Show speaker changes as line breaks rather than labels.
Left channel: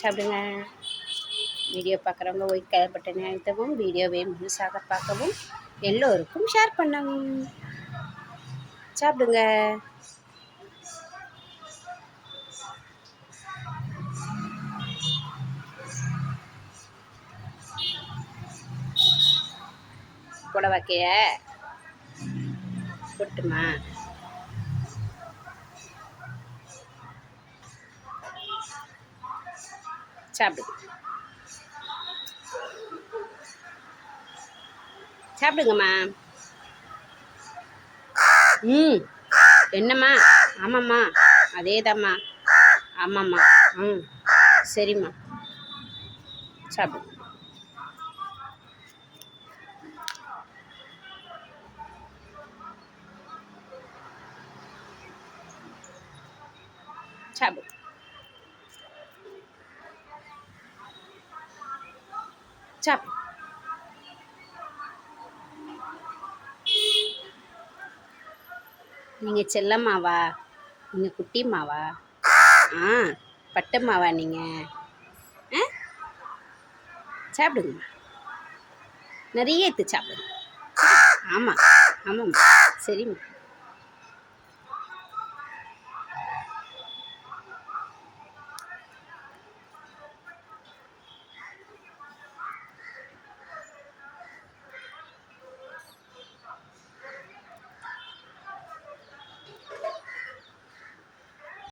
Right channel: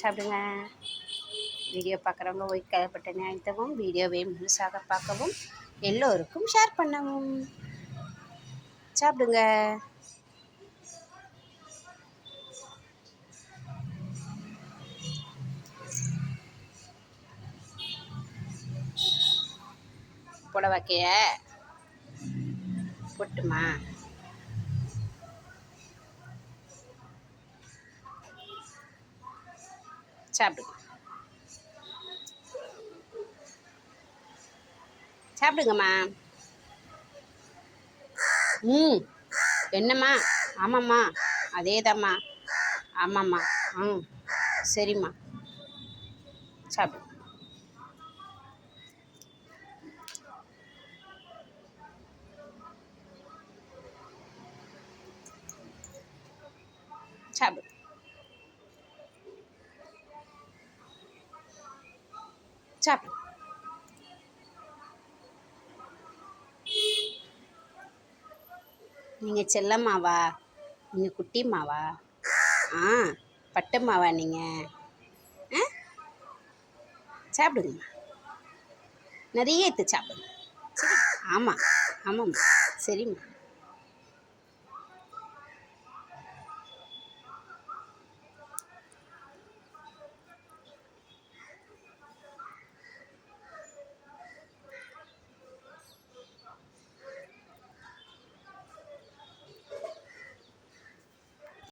சாப்பிடுங்க. வீடியோ பார்க்குறவங்க white colour பட்டனை அழுத்தவும் வீடியோவை முழுசாக பார்க்கவும் எல்லோருக்கும் ஷேர் பண்ணவும். சாப்பிடுங்க. புடவைக்கைய கொட்டுமா சாப்பிடுங்க சாப்பிடுங்கம்மா ம். என்னம்மா? ஆமாம்மா. அதேதாம்மா. ஆமாம்மா. ம். சரிம்மா. சாப்பிடு சாப்பிடு நீங்கள் செல்லம்மாவா? நீங்கள் குட்டிம்மாவா? ஆ பட்டம்மாவா நீங்கள் ஆ? சாப்பிடுங்கம்மா. நிறைய எடுத்து சாப்பிடுங்க. ஆமாம் ஆமாம்மா. சரிம்மா.